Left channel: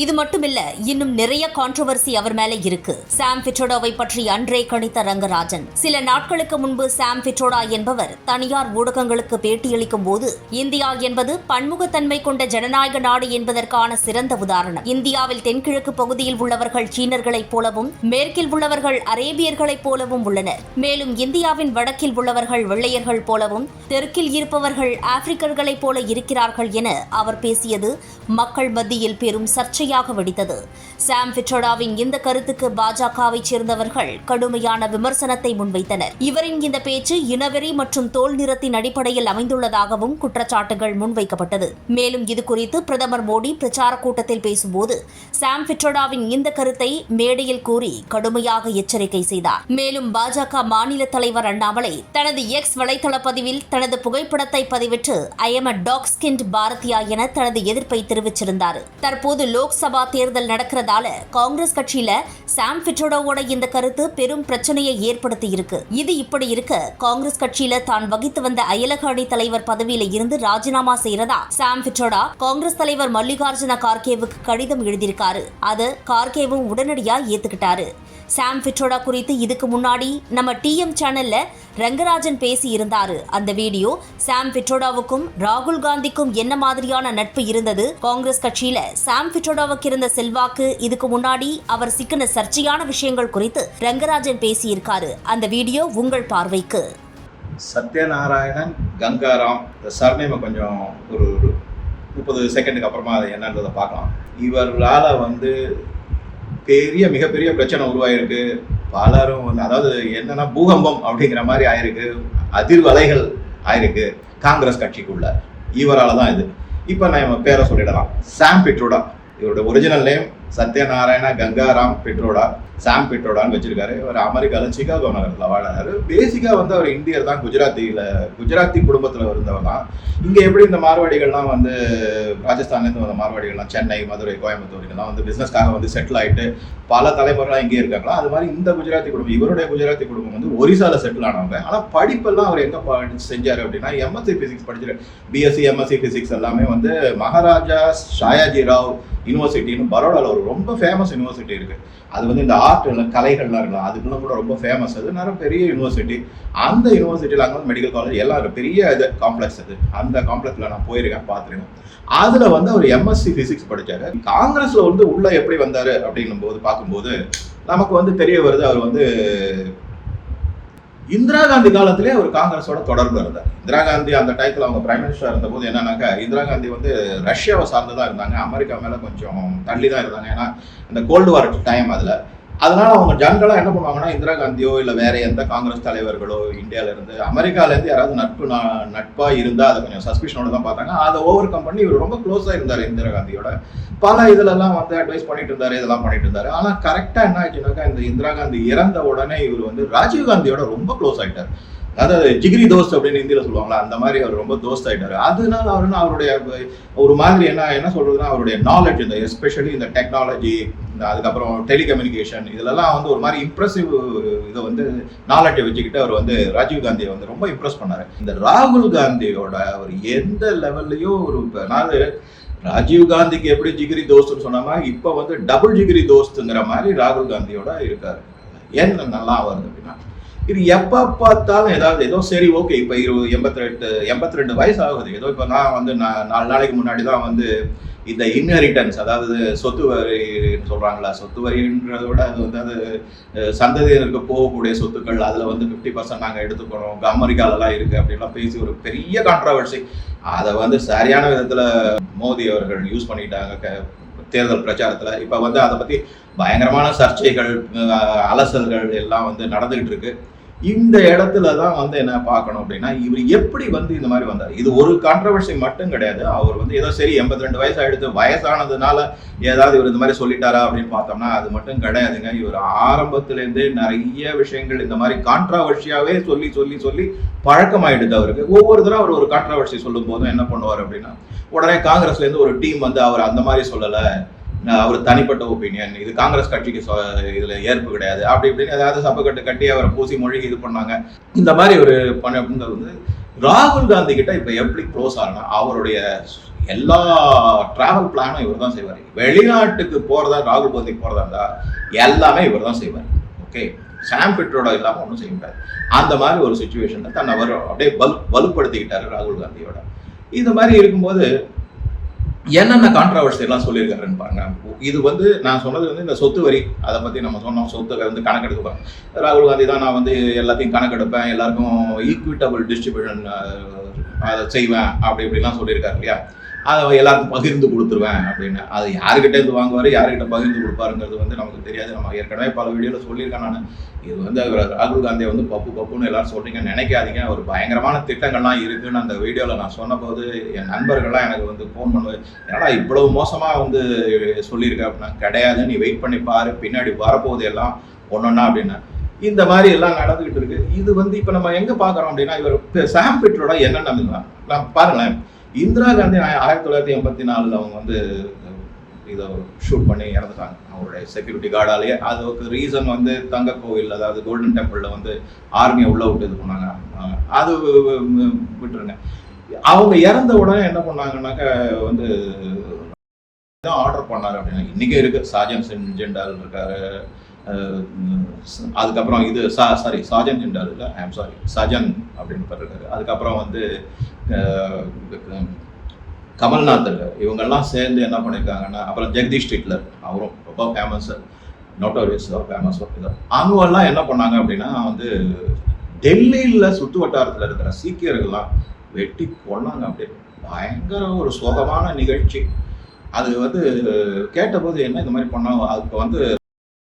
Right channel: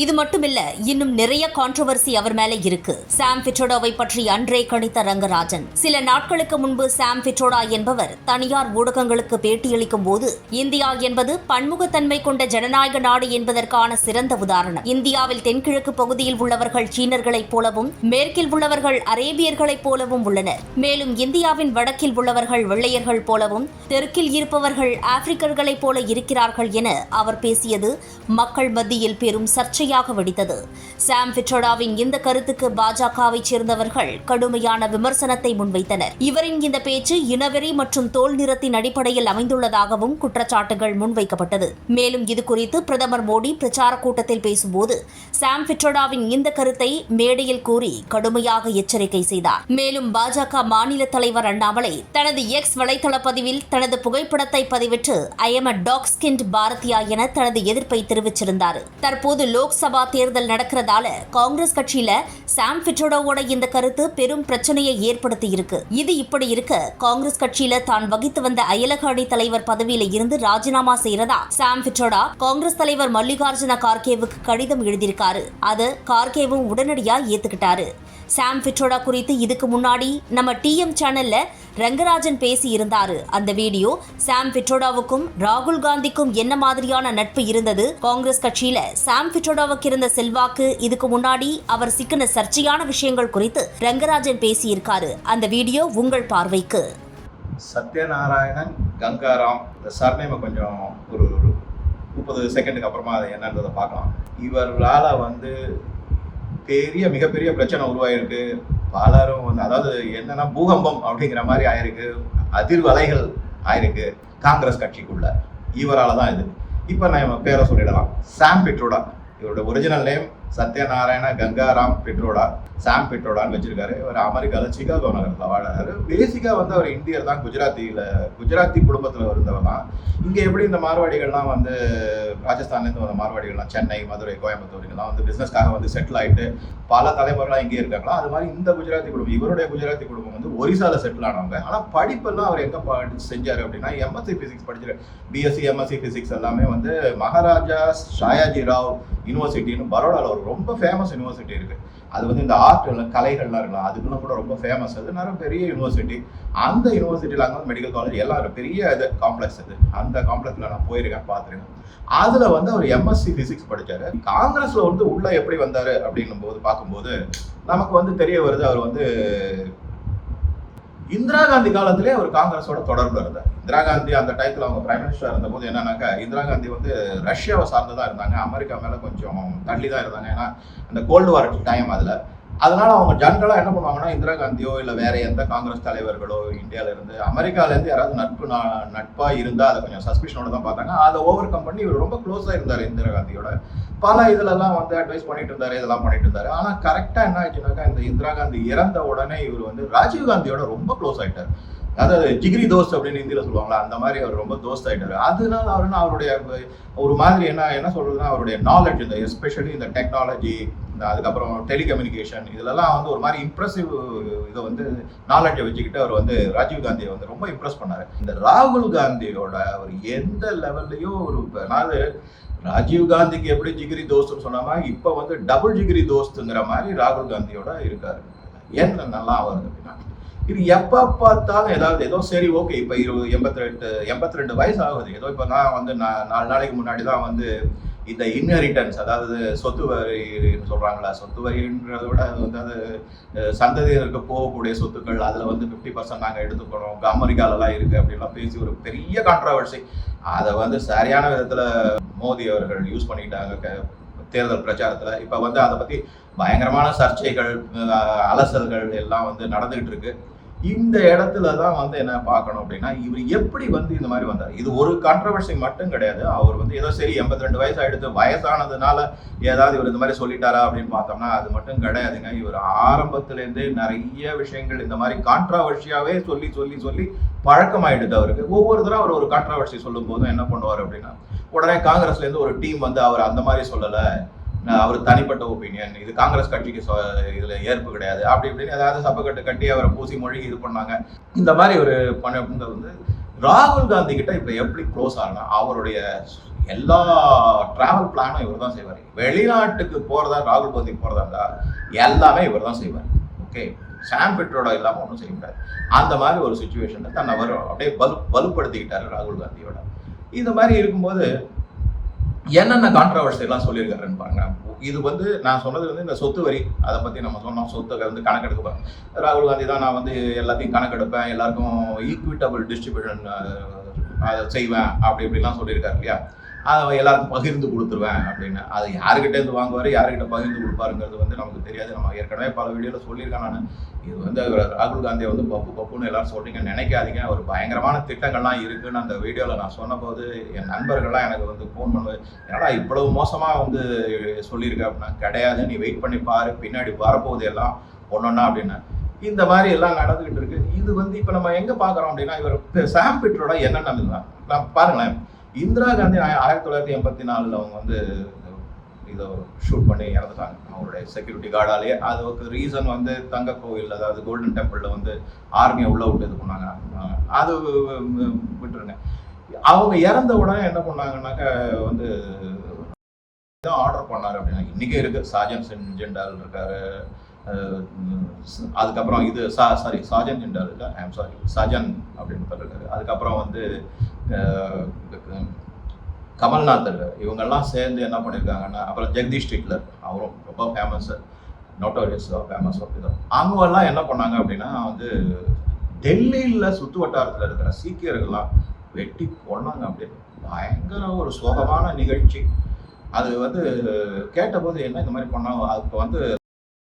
இது மட்டுமில்ல இன்னும் நிறைய கான்ட்ரவர்சி அவர் மேல இருக்கு. சாம் பிட்ரோடாவை பற்றி அன்றே கணித்த ரங்கராஜன். சில நாட்களுக்கு முன்பு சாம் பிட்ரோடா என்பவர் தனியார் ஊடகங்களுக்கு பேட்டியளிக்கும் போது இந்தியா என்பது பன்முகத்தன்மை கொண்ட ஜனநாயக நாடு என்பதற்கான சிறந்த உதாரணம். இந்தியாவில் தென்கிழக்கு பகுதியில் உள்ளவர்கள் சீனர்களைப் போலவும் மேற்கில் உள்ளவர்கள் அரேபியர்களைப் போலவும் உள்ளனர். மேலும் இந்தியாவின் வடக்கில் உள்ளவர்கள் வெள்ளையர்கள் போலவும் தெற்கில் இருப்பவர்கள் ஆப்பிரிக்கர்களைப் போல இருக்கிறார்கள் என அவர் பேசியது மக்கள் மத்தியில் பெரும் சர்ச்சை சர்ச்சையாக வெடித்தது. சாம் பிட்ரோடாவின் இந்த கருத்துக்கு பாஜகவைச் சேர்ந்தவர்கள் கடுமையான விமர்சனத்தை முன்வைத்தனர். இவரின் இந்த பேச்சு இனவெறி மற்றும் தோல் நிறத்தின் அடிப்படையில் அமைந்துள்ளதாகவும் குற்றச்சாட்டுகள் முன்வைக்கப்பட்டது. மேலும் இதுகுறித்து பிரதமர் மோடி பிரச்சார கூட்டத்தில் பேசும்போது சாம் பிட்ரோடாவின் இந்த கருத்தை மேடையில் கூறி கடுமையாக எச்சரிக்கை செய்தார். மேலும் பாஜக மாநில தலைவர் அண்ணாமலை தனது எக்ஸ் வலைதள பதிவில் தனது புகைப்படத்தை பதிவிட்டு I am a dark skinned Bharatiya என தனது எதிர்ப்பை தெரிவிச்சிருந்தார். தற்போது லோக் லோக்சபா தேர்தல் நடக்கிறதால காங்கிரஸ் கட்சியில சாம் பிட்ரோடோவோட இந்த கருத்து பெரும் பிரச்சனையை ஏற்படுத்தி இருக்கு இது இப்படி இருக்க காங்கிரஸ் கட்சியில தான் வகித்து வந்த அயலக அணி தலைவர் பதவியில இருந்து ராஜினாமா செய்யறதா? சாம் பிட்ரோடா காங்கிரஸ் தலைவர் மல்லிகார்ஜுன கார்கேவுக்கு கடிதம் எழுதியிருக்காரு. அது கார்கேவும் உடனடியா ஏத்துக்கிட்டாரு. சாம் பிட்ரோடா குறித்து இதுக்கு முன்னாடி நம்ம டிஎம் சேனல்ல ரங்கராஜன் பேசி இருந்தாரு அந்த வீடியோ சாம் பிட்ரோடாவுக்கும் ராகுல் காந்திக்கும் என்ன மாதிரியான நட்பு இருந்தது? காங்கிரஸ் கட்சியில சாம் பிட்ரோடாவுக்கு இருந்த செல்வாக்கு இதுக்கு முன்னாடி அவர் சிக்கின சர்ச்சையான விஷயங்கள் குறித்து ரங்கராஜன் பேசியிருக்காரு. அந்த வீடியோ உங்கள் பார்வைக்கு. சத்யநாராயணன் கங்காராம் இந்த சர்நேமை கொஞ்சம் ஒரு முப்பது செகண்டுக்கு அப்புறமா அது என்னன்றதை பார்க்கலாம். இவரால் வந்து பெரிய மிகப்பெரிய பிரச்சனை உருவாயிருக்கு. பலரும் வந்து அதாவது என்னன்னா பூகம்பம் அப்படிங்கிற மாதிரி ஆயிருக்கு. அதிர்வலைகள் ஆயிருக்கு. காங்கிரஸ் கட்சிக்குள்ள. இவரால் தான் இது. இப்போ நான் பேரை சொல்லிடலாம். சாம் பிட்ரோடா. இவரோட original name Satyanarayana Gangaram Pitroda Sam பெட்ரோடான்னு வச்சிருக்காரு. அவர் அமெரிக்காவில் சிகாகோ நகரத்தில் வாழறாரு. பேசிக்காக வந்து அவர் இந்தியர் தான் குஜராத்தியில் குஜராத்தி குடும்பத்தில் இருந்தவர் தான். இங்கே எப்படி இந்த மார்வாடிகள்லாம் வந்து ராஜஸ்தான்லேருந்து வந்த மார்வாடிகள்லாம் சென்னை மதுரை கோயம்புத்தூர் இதெல்லாம் வந்து பிஸ்னஸ்க்காக வந்து செட்டில் ஆகிட்டு பல தலைமுறைலாம் இங்கே இருக்காங்களா? அது மாதிரி இந்த குஜராத்தி குடும்பம் இவருடைய குஜராத்தி குடும்பம் வந்து ஒரிசாவில் செட்டில் ஆனவங்க. ஆனால் படிப்பெல்லாம் அவர் எங்கே படிச்சு செஞ்சார் அப்படின்னா எம்எஸ்சி ஃபிசிக்ஸ் படிச்சிரு பிஎஸ்சி எம்எஸ்சி ஃபிசிக்ஸ் எல்லாமே வந்து மகாராஜா ஷாயாஜி ராவ் யூனிவர்சிட்டின்னு பரோடாவில் ஒரு ரொம்ப ஃபேமஸ் யூனிவர்சிட்டி இருக்குது அது வந்து இந்த ஆர்ட் கலைகள்லாம் இருக்கலாம். அதுக்கெல்லாம் கூட ரொம்ப ஃபேமஸ் அது நிறைய பெரிய யூனிவர்சிட்டி அந்த யூனிவர்சிட்டியில் அங்கே வந்து மெடிக்கல் காலேஜ் எல்லாம் பெரிய இது காம்ப்ளெக்ஸ் அது. அந்த காம்ப்ளெக்ஸில் நான் போயிருக்கேன் பார்த்துருக்கேன். அதில் வந்து அவர் எம்எஸ்சி ஃபிசிக்ஸ் படித்தார் காங்கிரஸில் வந்து உள்ளே எப்படி வந்தார் அப்படின்னும் போது பார்க்கும்போது நமக்கு வந்து தெரிய வருது அவர் வந்து இந்திரா காந்தி காலத்திலே அவர் காங்கிரஸோட தொடர்பு இருந்தார். இந்திரா காந்தி அந்த டயத்தில் அவங்க பிரைம் மினிஸ்டர் இருந்தபோது என்னன்னாக்கா இந்திரா காந்தி வந்து ரஷ்யாவை சார்ந்து தான் இருந்தாங்க. அமெரிக்கா மேலே கொஞ்சம் தள்ளி தான் இருந்தாங்க. ஏன்னா அந்த கோல்டு வார் டைம் அதில். அதனால அவங்க ஜென்ரலாக என்ன பண்ணுவாங்கன்னா இந்திரா காந்தியோ இல்லை வேற எந்த காங்கிரஸ் தலைவர்களோ இந்தியால இருந்து அமெரிக்கால இருந்து யாராவது நட்பு நா- நட்பா இருந்தா அதை கொஞ்சம் சஸ்பிஷனோட தான் பார்த்தாங்க. அதை ஓவர் கம் பண்ணி இவர் ரொம்ப க்ளோஸா இருந்தார் இந்திரா காந்தியோட. பல இதுலலாம் வந்து அட்வைஸ் பண்ணிட்டு இருந்தாரு இதெல்லாம் பண்ணிட்டு இருந்தாரு. ஆனா கரெக்டா என்ன ஆச்சுனாக்கா இந்த இந்திரா காந்தி இறந்த உடனே இவர் வந்து ராஜீவ் காந்தியோட ரொம்ப க்ளோஸ் ஆகிட்டார் அதாவது ஜிகிரி தோஸ்த் அப்படின்னு ஹிந்தியில சொல்லுவாங்களா? அந்த மாதிரி அவர் ரொம்ப தோஸ்த் ஆயிட்டாரு. அதனால அவர் என்ன அவருடைய ஒரு மாதிரி என்ன என்ன சொல்றதுன்னா அவருடைய நாலேஜ் இந்த எஸ்பெஷலி இந்த டெக்னாலஜி இந்த அதுக்கப்புறம் டெலிகம்யூனிகேஷன் இதுலலாம் வந்து ஒரு மாதிரி இம்ப்ரெசிவ் இதை வந்து நாலேஜை வச்சுக்கிட்டு அவர் வந்து ராஜீவ் காந்தியை வந்து ரொம்ப இம்ப்ரெஸ் பண்ணாரு. இந்த ராகுல் காந்தியோட அவர் எந்த லெவல்லையும் ஒரு நான் ராஜீவ் காந்திக்கு எப்படி ஜிகிரி தோஸ்துன்னு சொன்னாமா இப்போ வந்து டபுள் ஜிகிரி தோஸ்துங்கிற மாதிரி ராகுல் காந்தியோட இருக்காரு. என்ன நல்லா வருது அப்படின்னா இது எப்போ பார்த்தாலும் ஏதாவது ஏதோ சரி ஓகே இப்போ இருபது எண்பத்தி ரெண்டு எண்பத்தி ரெண்டு வயசு ஆகுது ஏதோ இப்போ நான் வந்து நான் நாலு நாளைக்கு முன்னாடி தான் வந்து இந்த இன்ஹெரிட்டன்ஸ் அதாவது சொத்து வரின்னு சொல்றாங்களா சொத்து வரின்றதை விட அது வந்து அது சந்ததியினருக்கு போகக்கூடிய சொத்துக்கள் அதில் வந்து ஃபிஃப்டி பர்சன்ட் நாங்கள் எடுத்துக்கணும் அமெரிக்காலலாம் இருக்கு அப்படின்லாம் பேசி ஒரு பெரிய கான்ட்ரவர்சி அதை வந்து சரியான விதத்தில் மோடி அவர்கள் யூஸ் பண்ணிட்டாங்க க- தேர்தல் பிரச்சாரத்தில். இப்போ வந்து அதை பற்றி பயங்கரமான சர்ச்சைகள் அலசல்கள் எல்லாம் வந்து நடந்துகிட்டு இருக்கு. இந்த இடத்துல தான் வந்து என்ன பார்க்கணும் அப்படின்னா இவர் எப்படி வந்து இந்த மாதிரி வந்தார்? இது ஒரு கான்ட்ரவர்சி மட்டும் கிடையாது. அவர் வந்து ஏதோ சரி எண்பத்தி ரெண்டு வயசு ஆயிடுத்து வயசானதுனால ஏதாவது இவர் இந்த மாதிரி சொல்லிட்டாரா அப்படின்னு பார்த்தோம்னா அது மட்டும் கிடையாதுங்க. இவர் ஆரம்பத்திலேருந்தே நிறைய விஷயங்கள் இந்த மாதிரி கான்ட்ரவர்சியாவே சொல்லி சொல்லி சொல்லி பழக்கமாயிடுது அவருக்கு. ஒவ்வொரு தடவை அவர் ஒரு கான்ட்ரவர்சி சொல்லும் போதும் என்ன பண்ணுவார் அப்படின்னா உடனே காங்கிரஸ்ல இருந்து ஒரு டீம் வந்து அவர் அந்த மாதிரி சொல்லலை. அவர் தனிப்பட்ட ஒப்பீனியன் இது காங்கிரஸ் கட்சிக்கு சொ- இதுல ஏற்பு கிடையாது. அப்படி இப்படின்னு ஏதாவது சப்பை கட்டு கட்டி அவரை பூசி மொழிகி இது பண்ணாங்க. இந்த மாதிரி ஒரு பண்ண வந்து ராகுல் காந்தி கிட்ட இப்ப எப்படி க்ளோஸ் ஆகணும் அவருடைய எல்லா டிராவல் பிளானும் இவர் தான் செய்வார். வெளிநாட்டுக்கு போறதா ராகுல் காந்தி போறதா இருந்தா எல்லாமே இவர் தான் செய்வார். ஓகே சாம் பிட்ரோட இல்லாம ஒன்றும் செய்ய முடியாது. அந்த மாதிரி ஒரு சுச்சுவேஷன்ல தன்னை அவர் அப்படியே வலு வலுப்படுத்திக்கிட்டாரு ராகுல் காந்தியோட. இந்த மாதிரி இருக்கும்போது என்னென்ன கான்ட்ரவர்சி எல்லாம் சொல்லியிருக்காருன்னு பாருங்க. இது வந்து நான் சொன்னது வந்து இந்த சொத்து வரி அதை பத்தி நம்ம சொன்னோம். சொத்து வந்து கணக்கெடுப்பேன் ராகுல் காந்தி தான் நான் வந்து எல்லாத்தையும் கணக்கெடுப்பேன் எல்லாருக்கும் ஈக்விட்டபிள் டிஸ்ட்ரிபியூஷன் அதை செய்வேன் அப்படி இப்படிலாம் சொல்லியிருக்காரு இல்லையா? அதை எல்லாருக்கும் பகிர்ந்து கொடுத்துருவேன் அப்படின்னு. அது யாருக்கிட்ட இருந்து வாங்குவார் யாருக்கிட்ட பகிர்ந்து கொடுப்பாருங்கிறது வந்து நமக்கு தெரியாது. நம்ம ஏற்கனவே பல வீடியோவில் சொல்லியிருக்கேன் நான். இது வந்து அவர் ராகுல் காந்தியை வந்து பப்பு பப்புன்னு எல்லாரும் சொல்றீங்க நினைக்காதீங்க. ஒரு பயங்கரமான திட்டங்கள்லாம் இருக்குன்னு அந்த வீடியோவில் நான் சொன்னபோது என் நண்பர்கள்லாம் எனக்கு வந்து ஃபோன் பண்ணுவது ஏன்னா இவ்வளவு மோசமாக வந்து சொல்லியிருக்க அப்படின்னா கிடையாது. நீ வெயிட் பண்ணி பாரு. பின்னாடி வரப்போகுது எல்லாம் ஒன்னொன்னா அப்படின்னு. இந்த மாதிரி எல்லாம் நடந்துகிட்டு இருக்கு. இது வந்து இப்போ நம்ம எங்கே பார்க்குறோம் அப்படின்னா இவர் சாம்பிட்ரோட என்னென்ன நான் பாருங்களேன். இந்திரா காந்தி ஆயிரத்தி தொள்ளாயிரத்தி எண்பத்தி நாலுல அவங்க வந்து இதை ஷூட் பண்ணி இறந்துட்டாங்க. அவருடைய செக்யூரிட்டி கார்டாலேயே அதுக்கு ரீசன் வந்து தங்க கோவில் அதாவது கோல்டன் டெம்பிளில் வந்து ஆர்மியை உள்ள விட்டு இது பண்ணாங்க. அது விட்டுருங்க. அவங்க இறந்த உடனே என்ன பண்ணாங்கன்னாக்க வந்து ஆர்டர் பண்ணார் அப்படின்னா இன்னைக்கு இருக்குது சாஜன் சென் ஜெண்டால் இருக்காரு. அதுக்கப்புறம் இது சா சாரி சாஜன் ஜெண்டால் இல்லை? ஐம் சாரி சஜன் அப்படின்னு பண்ணிருக்காரு அதுக்கப்புறம் வந்து கமல்நாத் இருக்கார். இவங்கெல்லாம் சேர்ந்து என்ன பண்ணியிருக்காங்கன்னா அப்புறம் ஜெகதீஷ் ஸ்ட்ரீட்லர் அவரும் ரொம்ப ஃபேமஸ் நோட்டோரியஸ் ஃபேமஸ் அவங்கெல்லாம் என்ன பண்ணாங்க அப்படின்னா வந்து டெல்லியில் சுற்று வட்டாரத்தில் இருக்கிற சீக்கியர்கள்லாம் வெட்டி கொண்டாங்க அப்படியே. பயங்கர ஒரு சோகமான நிகழ்ச்சி. அது வந்து கேட்டபோது என்ன இந்த மாதிரி பண்ணாங்க அதுக்கு வந்து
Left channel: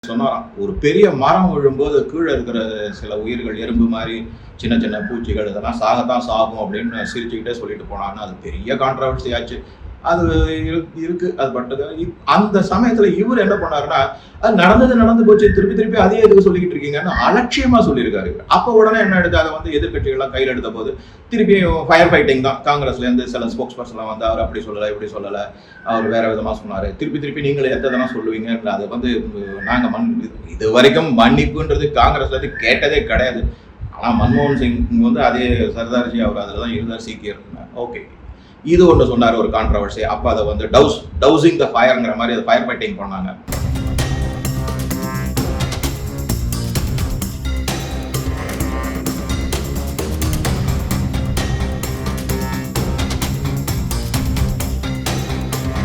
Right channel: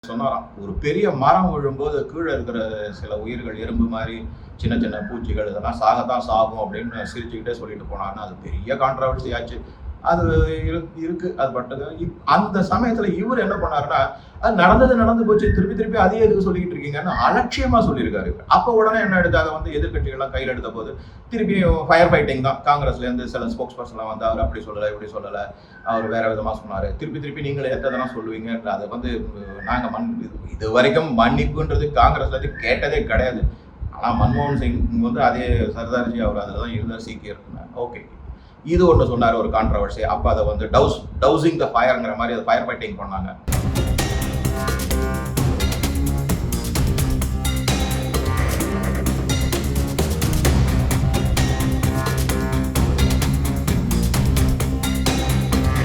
சொன்னாராம் ஒரு பெரிய மரம் விழும்போது கீழே இருக்கிற சில உயிர்கள் எறும்பு மாதிரி சின்ன சின்ன பூச்சிகள் இதெல்லாம் சாகத்தான் சாகும் அப்படின்னு சிரிச்சுக்கிட்டே சொல்லிட்டு போனான்னு அது பெரிய கான்ட்ரவர்சி ஆச்சு. அது இரு- இருக்கு. அது பட்டது அந்த சமயத்துல இவர் என்ன பண்ணாருன்னா அது நடந்தது நடந்து போச்சு. திருப்பி திருப்பி அதே எதுக்கு சொல்லிக்கிட்டு இருக்கீங்கன்னு அலட்சியமா சொல்லியிருக்காரு இவர். அப்ப உடனே என்ன எடுத்து அதை வந்து எதிர்கட்சிகள்லாம் கையில் எடுத்த போது திருப்பியும் ஃபயர் ஃபைட்டிங் தான். காங்கிரஸ்ல இருந்து சில ஸ்போக்ஸ் பர்சன்லாம் வந்து அவர் அப்படி சொல்லலை இப்படி சொல்லலை. அவர் வேற விதமா சொன்னாரு. திருப்பி திருப்பி நீங்களே எத்தனை சொல்லுவீங்க? அது வந்து நாங்க மண் இது- வரைக்கும் மன்னிப்புன்றது காங்கிரஸ்ல இருந்து கேட்டதே கிடையாது. ஆனா மன்மோகன் சிங் வந்து அதே சர்தார்ஜி அவர் அதில் தான் இருந்தார் சீக்கியர். ஓகே. இது ஒன்று சொன்னார் ஒரு கான்ட்ரவர்சி அப்போ அதை வந்து டவுஸ் டவுசிங் த ஃபயர்ங்கிற மாதிரி ஃபயர் ஃபைட்டிங் பண்ணாங்க.